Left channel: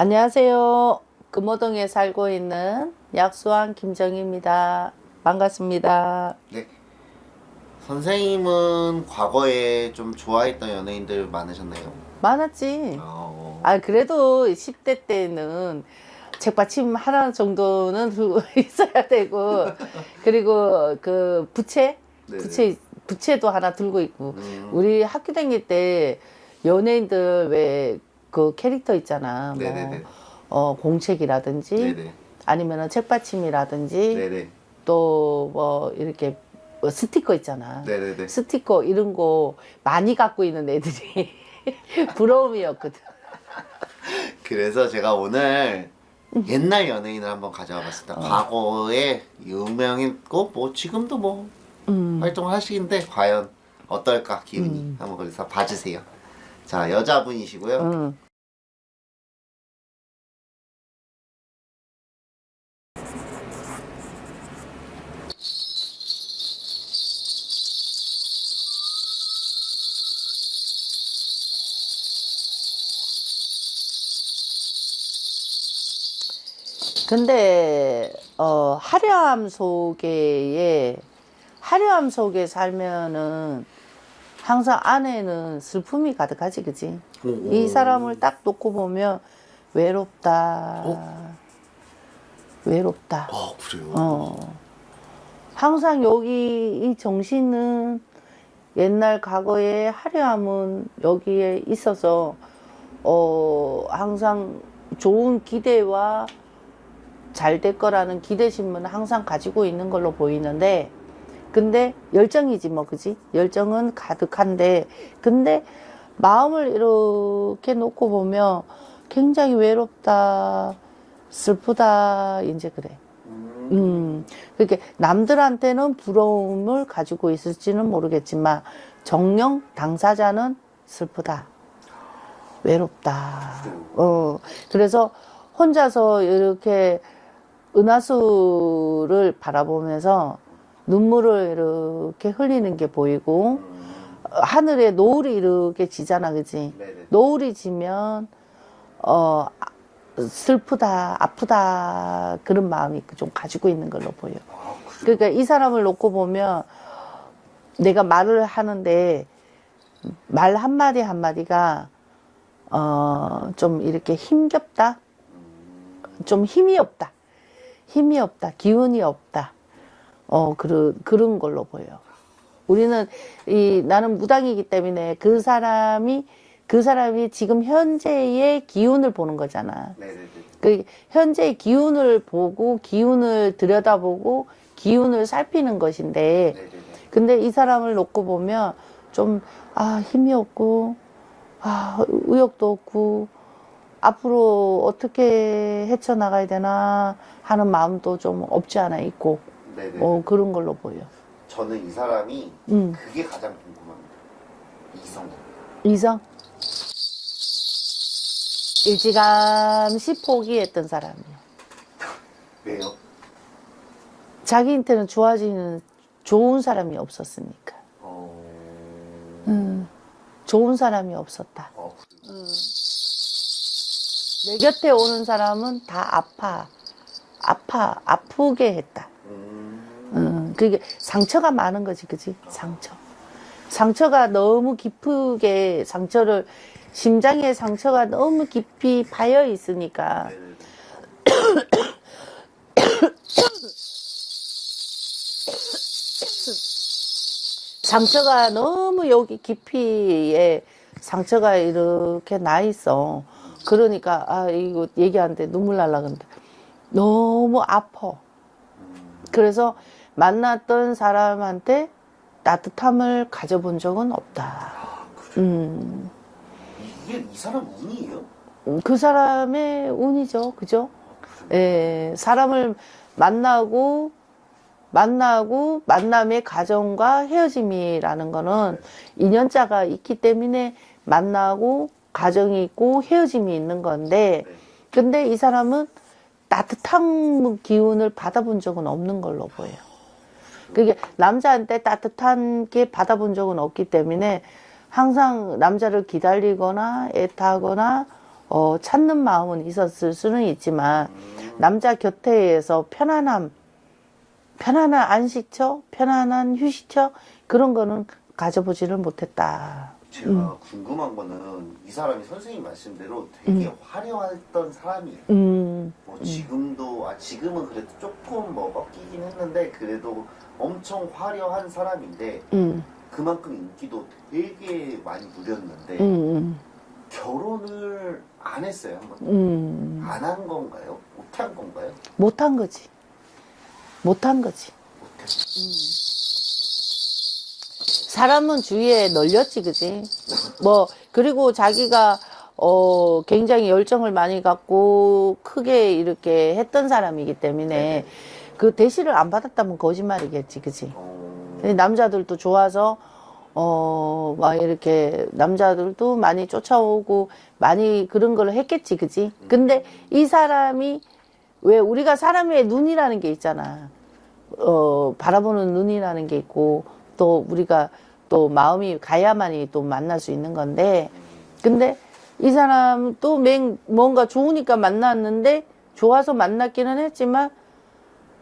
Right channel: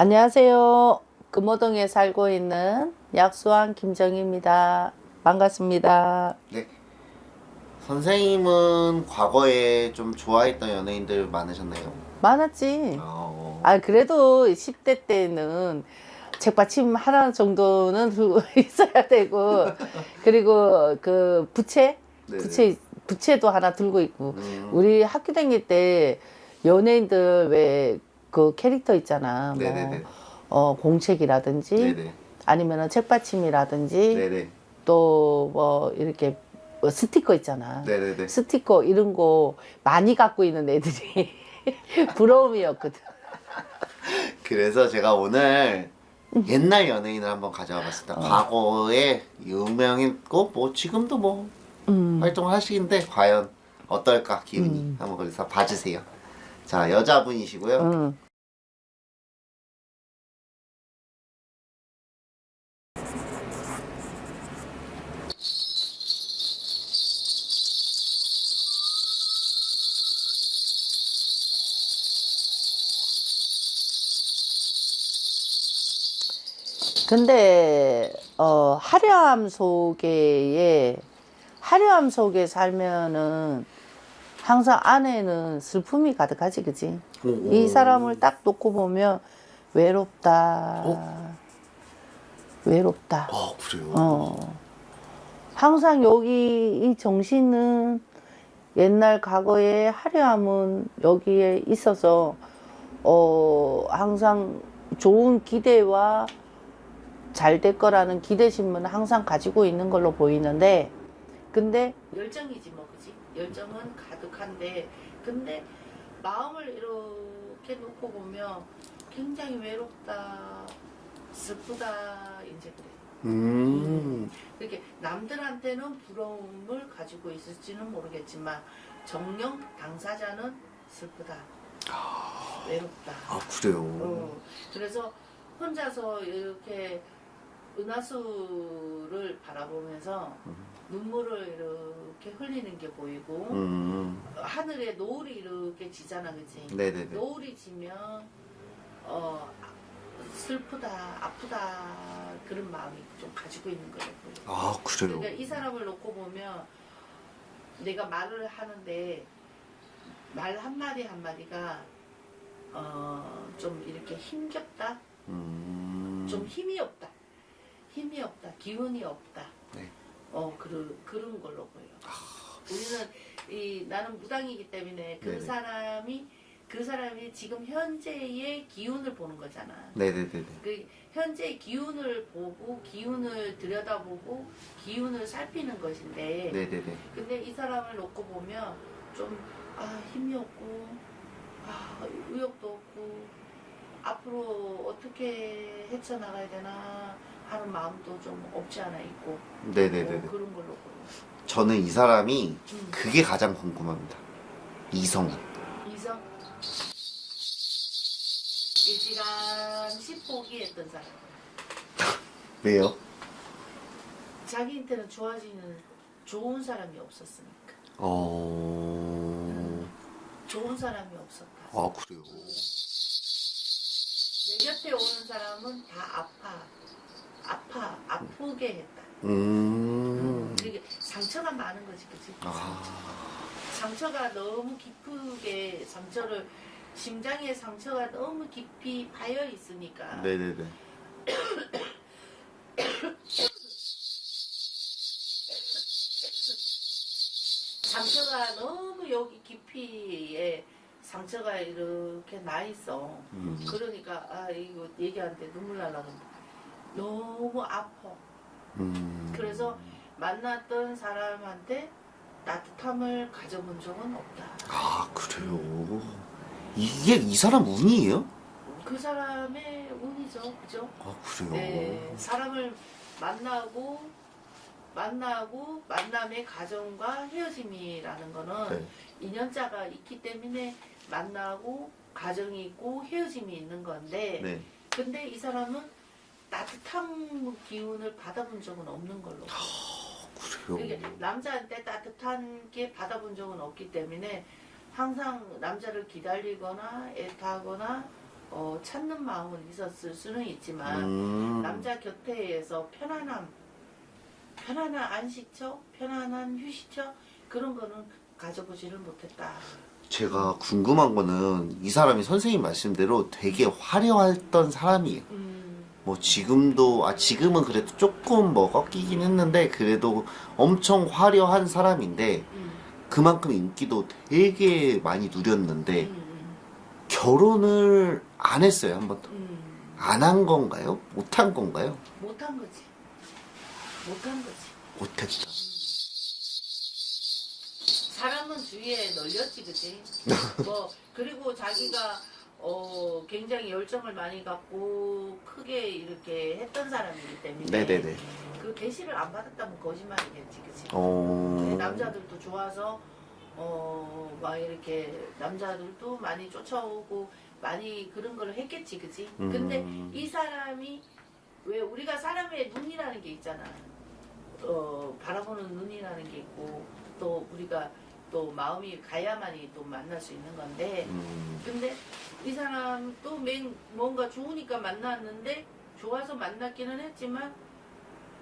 안녕하세요. 금호동에 살고 있는 약수왕 김정희입니다. 반갑습니다. 네. 선생님은 과거에 좀 좋아했던 연예인들 많으셨나요? 많았지. 어, 그래도 10대 때는 책받침 하나 정도는 들고 있어야 되고, 그리고 그 네네. 부채도 하나 들고 있고, 음, 우리 학교 다닐 때 연예인들 왜 그 캐릭터 있잖아. 네네네. 공책이라든지, 네네. 아니면은 책받침이라든지, 네네. 또 뭐 이렇게 뭐 스티커 있잖아. 네네네. 스티커 이런 거 많이 갖고 있는 애들이 부러움이었거든. 그래서 제가 오늘 옛날 연예인을 한번 가져와 봤습니다. 과거에 유명했고, 뭐, 지금도 뭐, 활동을 하시는데, 과연 어떨까, 기분이. 한번 그래서 봐주세요. 자, 여자분이시고요. 응. 근데 화려함 속에 살면은 항상 안에는 슬픔이 가득하지, 그지? 이 사람을 딱 놓고 보면 외롭다. 외롭다. 그래요? 항상 여기 이 정신은 옛날 과거의 화려함은 여기에 있어서 항상 좋은 기대와 잘 될 거라는 기대심은 항상 가지고 있는 걸로 보이는데, 근데 열정이지 뭐, 그지? 열정은 가득한데, 근데 마음을 이렇게 놓고 보면 굉장히 외롭다, 슬프다, 이제 그래. 그렇게 남들한테는 부러움을 가지고 있을지는 모르겠지만 정녕 당사자는 슬프다, 외롭다. 그래요? 그래서 혼자서 이렇게 은하수를 바라보면서 눈물을 이렇게 흘리는 게 보이고, 하늘에 노을이 이렇게 지잖아, 그지? 네네. 노을이 지면 슬프다, 아프다, 그런 마음이 좀 가지고 있는 걸로 보여. 아, 그래요? 그러니까 이 사람을 놓고 보면 내가 말을 하는데 말 한마디 한마디가 좀 이렇게 힘겹다, 좀 힘이 없다, 기운이 없다. 그런 걸로 보여. 우리는 나는 무당이기 때문에 그 사람이 지금 현재의 기운을 보는 거잖아. 네네네. 그 현재의 기운을 보고 기운을 들여다보고 기운을 살피는 것인데, 네네네. 근데 이 사람을 놓고 보면 좀 힘이 없고 의욕도 없고 앞으로 어떻게 헤쳐나가야 되나 하는 마음도 좀 없지 않아 있고, 네네네. 그런 걸로 보여. 저는 이 사람이 그게 가장 궁금합니다. 이성이. 이성? 일찌감치 포기했던 사람이야. 왜요? 자기한테는 좋아지는 좋은 사람이 없었으니까. 좋은 사람이 없었다. 아, 그래요? 내 곁에 오는 사람은 다 아프게 했다. 그게 상처가 많은 거지, 그지? 상처가 너무 깊게 심장에 상처가 너무 깊이 파여 있으니까. 네네네. 상처가 너무 여기 깊이에 상처가 이렇게 나 있어. 그러니까 이거 얘기하는데 눈물 날라 그런다. 너무 아파. 그래서 만났던 사람한테 따뜻함을 가져본 적은 없다. 아, 그래요? 이게 이 사람 운이에요? 그 사람의 운이죠, 그죠? 아, 그래요? 예, 사람을 만나고 만남의 과정과 헤어짐이라는 거는 인연자가 있기 때문에 만나고 과정이 있고 헤어짐이 있는 건데, 네. 근데 이 사람은 따뜻한 기운을 받아본 적은 없는 걸로 보여요. 그래요? 그게 남자한테 따뜻한 게 받아본 적은 없기 때문에 항상 남자를 기다리거나 애타거나 찾는 마음은 있었을 수는 있지만 남자 곁에서 편안한 안식처, 편안한 휴식처 그런 거는 가져보지를 못했다. 제가 궁금한 거는 이 사람이 선생님 말씀대로 되게 화려했던 사람이에요. 뭐 지금도 지금은 그래도 조금 뭐 꺾이긴 했는데 그래도 엄청 화려한 사람인데 그만큼 인기도 되게 많이 누렸는데 결혼을 안 했어요, 한 번도. 안 한 건가요? 못 한 건가요? 못한 거지. 못한 거지. 못했다. 사람은 주위에 널렸지, 그지? 뭐, 그리고 자기가, 굉장히 열정을 많이 갖고 크게 이렇게 했던 사람이기 때문에 네네네. 그 대시를 안 받았다면 거짓말이겠지, 그지? 어... 남자들도 좋아서, 막 이렇게 남자들도 많이 쫓아오고 많이 그런 걸 했겠지, 그지? 근데 이 사람이 왜 우리가 사람의 눈이라는 게 있잖아. 바라보는 눈이라는 게 있고 또 우리가 또 마음이 가야만이 또 만날 수 있는 건데 근데 이 사람 또 뭔가 좋으니까 만났는데 좋아서 만났기는 했지만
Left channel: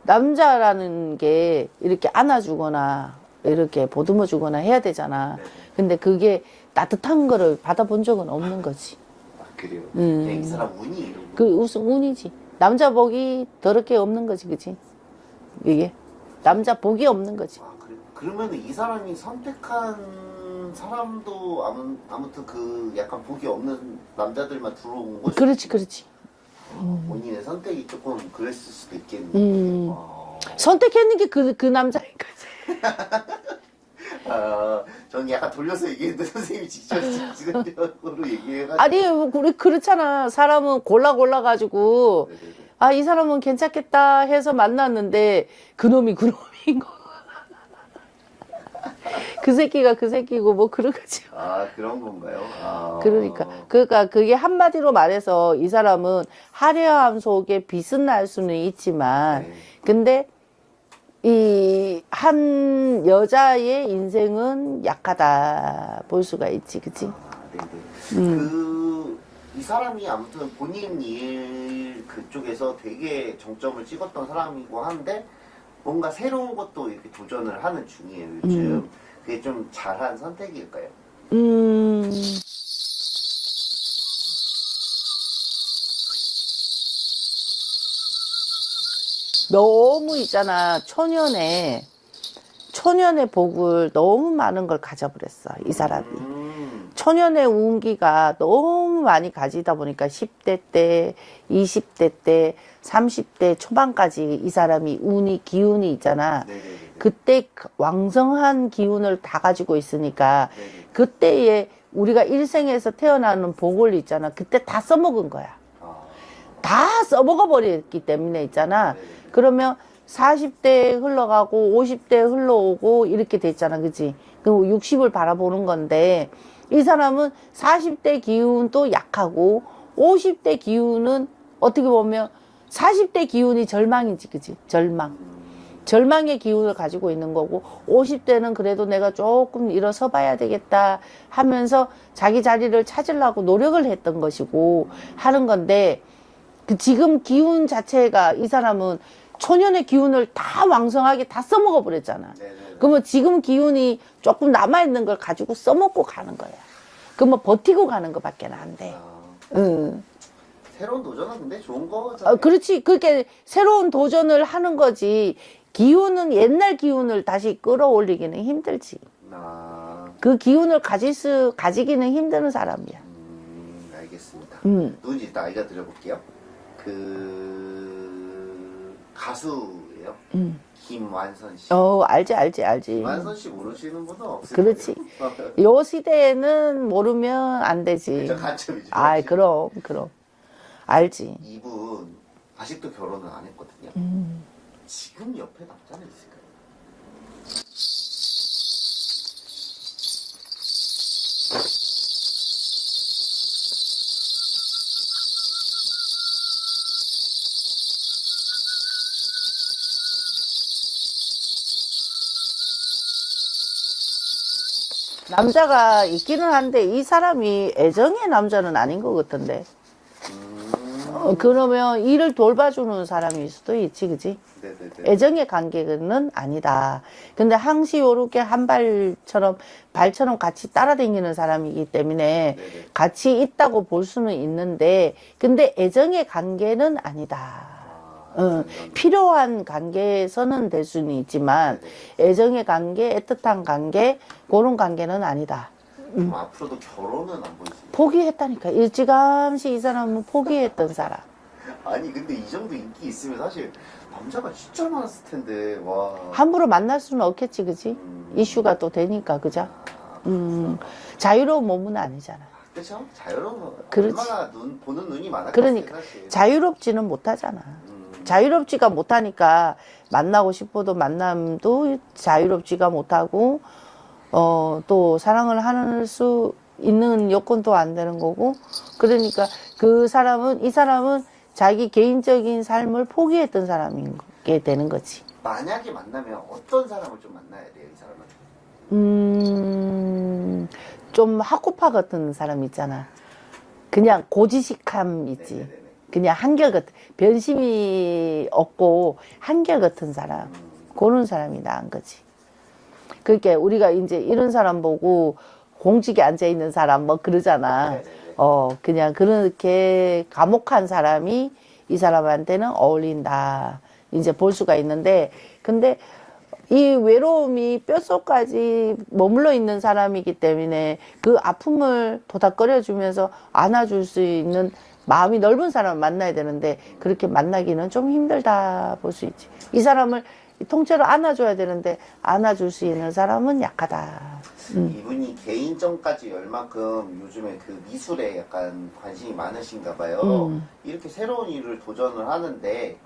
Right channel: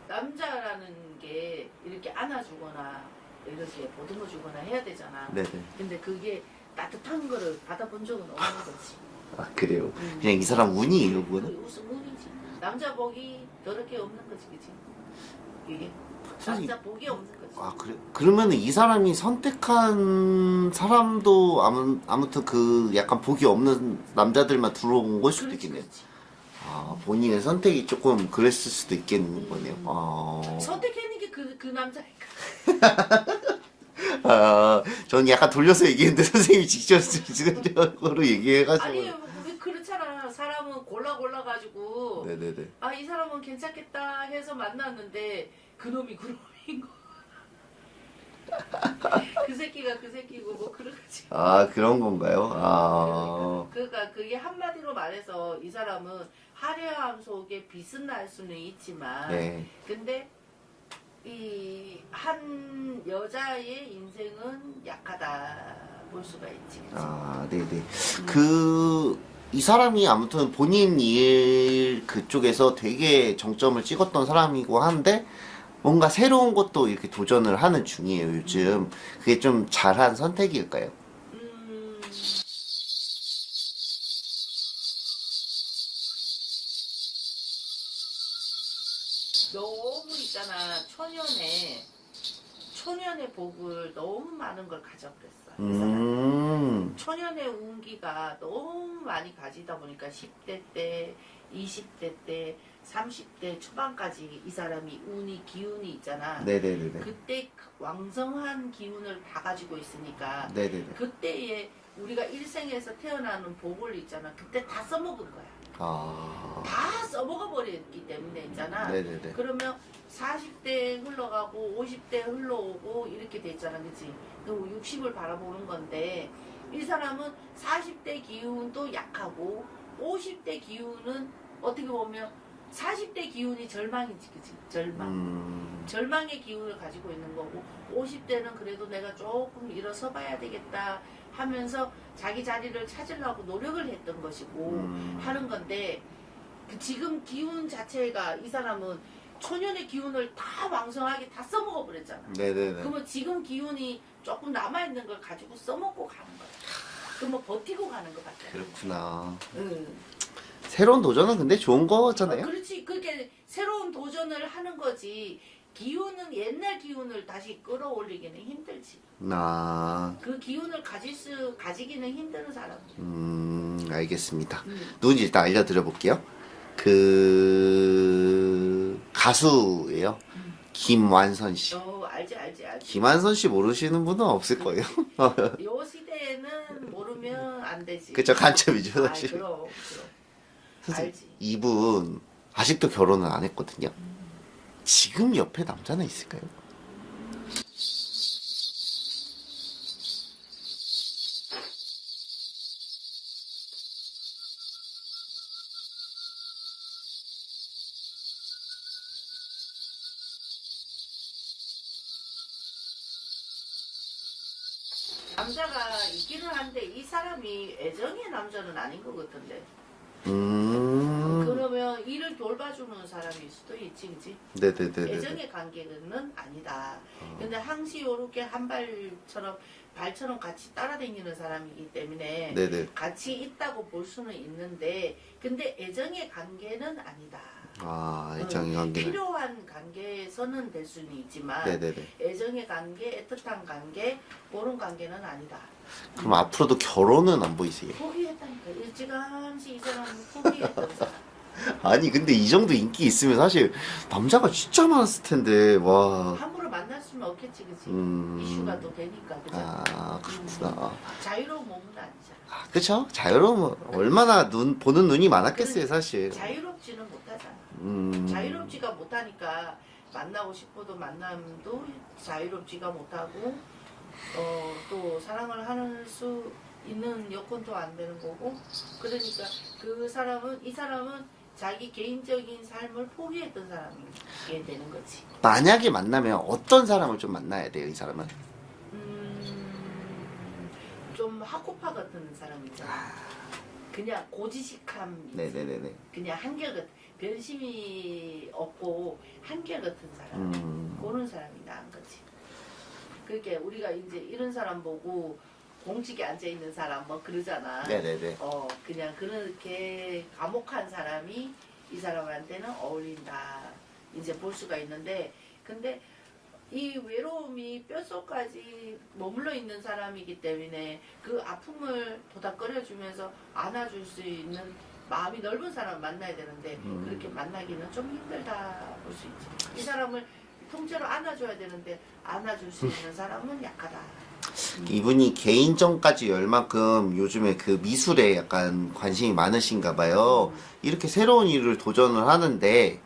남자라는 게 이렇게 안아주거나 이렇게 보듬어주거나 해야 되잖아. 네네. 근데 그게 따뜻한 거를 받아본 적은 없는 거지. 아 그래요? 그냥 이 사람 운이에요. 운. 그 무슨 운이지. 남자 복이 더럽게 없는 거지, 그치? 이게 남자 복이 없는 거지. 아 그래? 그러면 이 사람이 선택한 사람도 아무튼 그 약간 복이 없는 남자들만 들어온 것이. 그렇지, 그렇지. 아, 본인의 선택이 조금 그랬을 수도 있겠는 거네요. 아... 선택했는 게 그 남자니까. 저는 약간 돌려서 얘기했는데 선생님이 직접적으로 얘기해가지고. 아니, 우리 그렇잖아. 사람은 골라가지고, 네네네. 아, 이 사람은 괜찮겠다 해서 만났는데, 그놈이 그놈인 거. 그 새끼가 그 새끼고, 뭐, 그런 거지. 아 그런 건가요? 아... 그러니까 그게 한마디로 말해서 이 사람은 화려함 속에 빛은 날 수는 있지만, 네. 근데 이 한 여자의 인생은 약하다 볼 수가 있지, 그치? 아, 네네. 이 사람이 아무튼 본인 일 그쪽에서 되게 정점을 찍었던 사람이고 한데 뭔가 새로운 것도 이렇게 도전을 하는 중이에요, 요즘. 그게 좀 잘한 선택일까요? 너무 있잖아, 초년의 복을 너무 많은 걸 가져버렸어, 이 사람이. 초년의 운기가 너무 많이 가지다 보니까 10대 때, 20대 때, 30대 초반까지 이 사람이 기운이 있잖아. 네네네. 그때 왕성한 기운을 다 가지고 있으니까 네네네. 그때에 우리가 일생에서 태어나는 복을 있잖아. 그때 다 써먹은 거야. 아, 다 써먹어 버렸기 때문에 있잖아. 네네네. 그러면 40대 흘러가고 50대 흘러오고 이렇게 됐잖아. 그치? 그리고 60을 바라보는 건데 이 사람은 40대 기운도 약하고 50대 기운은 어떻게 보면 40대 기운이 절망이지. 그치? 절망의 기운을 가지고 있는 거고 50대는 그래도 내가 조금 일어서 봐야 되겠다 하면서 자기 자리를 찾으려고 노력을 했던 것이고 하는 건데 그 지금 기운 자체가 이 사람은 초년의 기운을 다 왕성하게 다 써먹어 버렸잖아. 네네네. 그러면 지금 기운이 조금 남아있는 걸 가지고 써먹고 가는 거야. 그러면 버티고 가는 것밖에 안 돼. 응. 새로운 도전은 근데 좋은 거잖아요. 그렇지. 그렇게 새로운 도전을 하는 거지. 기운은 옛날 기운을 다시 끌어올리기는 힘들지. 그 기운을 가지기는 힘든 사람이야. 알겠습니다. 누군지 일단 알려드려 볼게요. 그 가수예요. 김완선 씨. 알지. 김완선 씨 모르시는 분은 없을 그렇지. 거예요. 요 시대에는 모르면 안 되지. 그죠, 간첩이죠. 아, 그럼. 알지. 이분 아직도 결혼을 안 했거든요. 지금 옆에 남자는 있을까요? 남자가 있기는 한데 이 사람이 애정의 남자는 아닌 것 같던데. 그러면 일을 돌봐주는 사람일 수도 있지, 그지? 네네네. 애정의 관계는 아니다. 근데 항시 요렇게 한 발처럼 같이 따라다니는 사람이기 때문에 네네. 같이 있다고 볼 수는 있는데, 근데 애정의 관계는 아니다. 아, 애정이 관계. 필요한 관계에서는 될 수는 있지만, 네네네. 애정의 관계, 애틋한 관계, 그런 관계는 아니다. 그럼 앞으로도 결혼은 안 보이세요? 포기했다니까. 일찌감치 이 사람은 포기했던 사람. 아니 근데 이 정도 인기 있으면 사실 남자가 진짜 많았을 텐데 와. 함부로 만날 수는 없겠지, 그지? 음. 이슈가 또 되니까, 그죠? 아, 그렇구나. 자유로운 몸은 아니잖아. 아, 그쵸? 자유로우면 그렇지. 얼마나 보는 눈이 많았겠어요, 그러니까 사실. 자유롭지는 못하잖아. 음. 자유롭지가 못하니까 만나고 싶어도 만남도 자유롭지가 못하고, 또 사랑을 할 수 있는 여건도 안 되는 거고, 그러니까 이 사람은 자기 개인적인 삶을 포기했던 사람이게 되는 거지. 만약에 만나면 어떤 사람을 좀 만나야 돼요, 이 사람은? 좀 학구파 같은 사람 있잖아. 그냥 고지식함 있지. 네네네네. 그냥 한결같은, 변심이 없고 한결같은 사람. 그런 사람이 나은 거지. 그러니까 우리가 이제 이런 사람 보고 공직에 앉아 있는 사람 뭐 그러잖아. 네네네. 그냥 그렇게 과묵한 사람이 이 사람한테는 어울린다. 이제 볼 수가 있는데, 근데 이 외로움이 뼛속까지 머물러 있는 사람이기 때문에 그 아픔을 도닥거려주면서 안아줄 수 있는 마음이 넓은 사람을 만나야 되는데, 그렇게 만나기는 좀 힘들다 볼 수 있지. 이 사람을 통째로 안아줘야 되는데 안아줄 수 있는 사람은 약하다. 이분이 개인전까지 열 만큼 요즘에 그 미술에 약간 관심이 많으신가 봐요. 이렇게 새로운 일을 도전을 하는데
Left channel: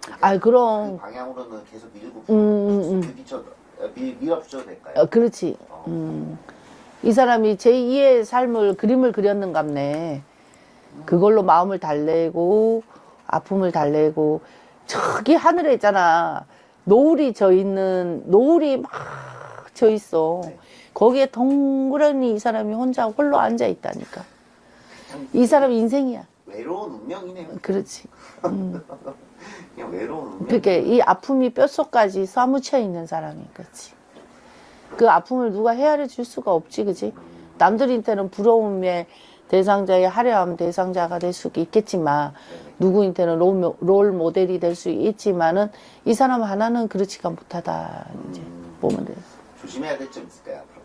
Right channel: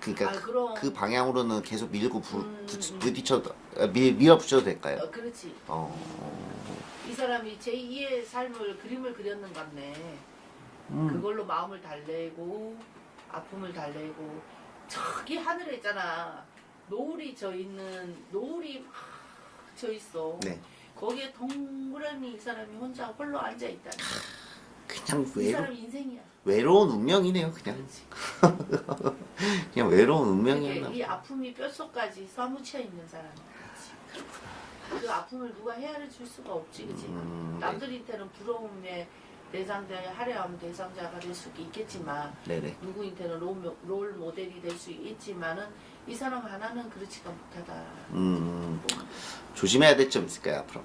그러니까 그럼. 그 방향으로는 계속 밀어붙여도 될까요? 그렇지. 이 사람이 제2의 삶을 그림을 그렸는갑네. 그걸로 마음을 달래고 아픔을 달래고, 저기 하늘에 있잖아, 노을이 막 져 있어. 네. 거기에 덩그러니 이 사람이 혼자 홀로 앉아 있다니까. 그냥 이 사람 인생이야. 외로운 운명이네요. 그냥. 그렇지. 그냥 외로운 운명. 그렇게 이 아픔이 뼛속까지 사무쳐 있는 사람인 거지. 그 아픔을 누가 헤아려 줄 수가 없지, 그지? 남들한테는 부러움의 대상자의 화려한 대상자가 될 수 있겠지만, 네네. 누구한테는 롤 모델이 될 수 있지만은 이 사람 하나는 그렇지가 못하다. 이제 보면 돼. 조심해야 될 점 있을까요, 앞으로?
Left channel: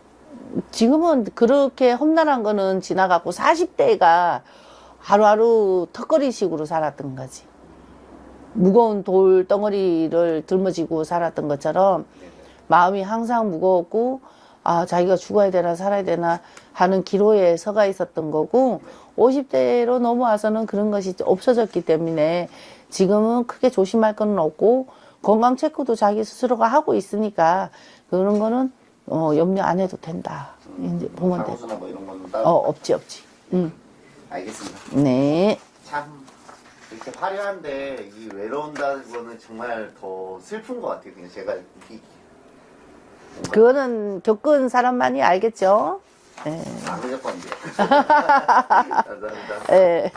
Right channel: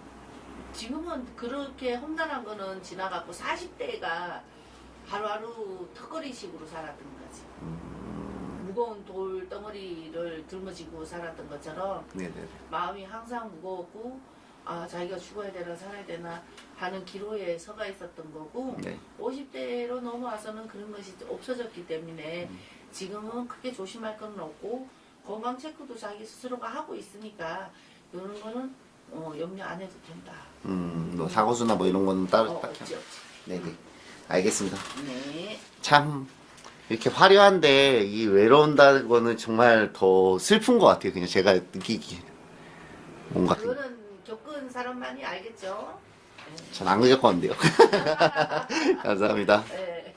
지금은 그렇게 험난한 거는 지나갔고 40대가 하루하루 턱걸이식으로 살았던 거지. 무거운 돌 덩어리를 짊어지고 살았던 것처럼 네네. 마음이 항상 무거웠고, 자기가 죽어야 되나 살아야 되나 하는 기로에 서가 있었던 거고, 네. 50대로 넘어와서는 그런 것이 없어졌기 때문에 지금은 크게 조심할 건 없고, 건강 체크도 자기 스스로가 하고 있으니까 그런 거는 염려 안 해도 된다. 이제 뭐 보면 사고수나 뭐 이런 거는 따로 없지. 네. 알겠습니다. 네. 참 이렇게 화려한데 이 외로운다는 거는 정말 더 슬픈 것 같아요. 그냥 제가 느끼기에. 뭔가 그거는 겪은 사람만이 알겠죠. 네. 전안 겪었는데요. 감사합니다. 네.